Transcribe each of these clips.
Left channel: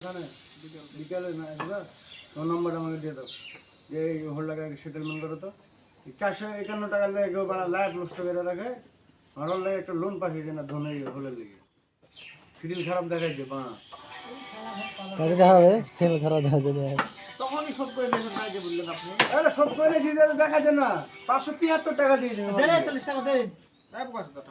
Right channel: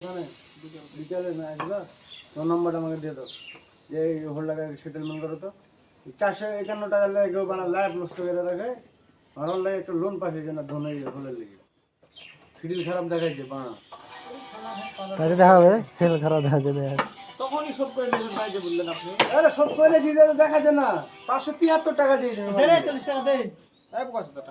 বিকালে না আসবা, তোমার নম্বরটা আমাকে দিয়ে দাও, যে এই হোল্ডারে সেটেলমেন্ট করো তো। 451 টাকা লাগে কেউ বানা লাইফ নষ্ট করে রাখে। আমার লাগে একটা লোন পাঠিয়েছে না ধনে হোলের লেগে, শিডিউল খারাপ দেখাইছে বানা। কাজে দেখা হবে, সেল খারাপ দেখা যাবে। তখনই শোধ করে নিয়েছেন পাইছে বললেন আপনি। আরে শোধ করে নিয়েছি, দেখাচ্ছে না। 573 টাকা দিয়েছেন। 40 টাকা দেই। এই কত টাকা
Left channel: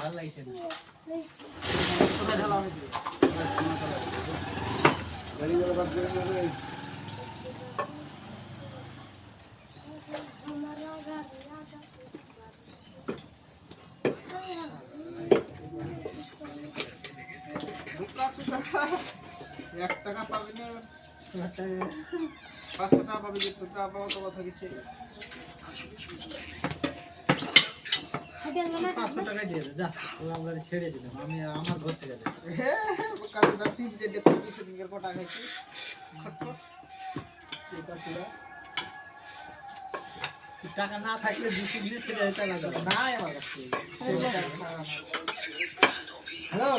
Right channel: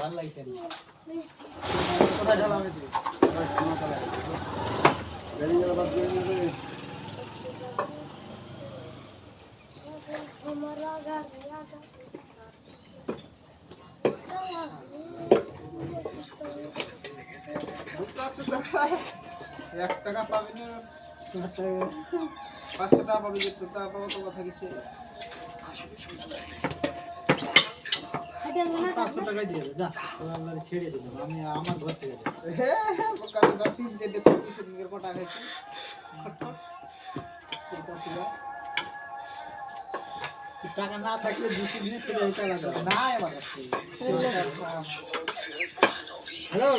ভাল লাগছে না। এক টাকা পাবি না, 500 টাকা পাবি, যেত তা পাওয়া তো কথা কিছু। 500 টাকাই দিয়ে দে, যা তোরা ছেড়ে দিলাম আমি আমার ঘর থেকে। কাজ গাছি যে দেখো সেদিনের কটা খাইছি টাকা না থাকলে 200 দিনে ছেড়ে দিতে হবে না আমার কাছে। হ্যালো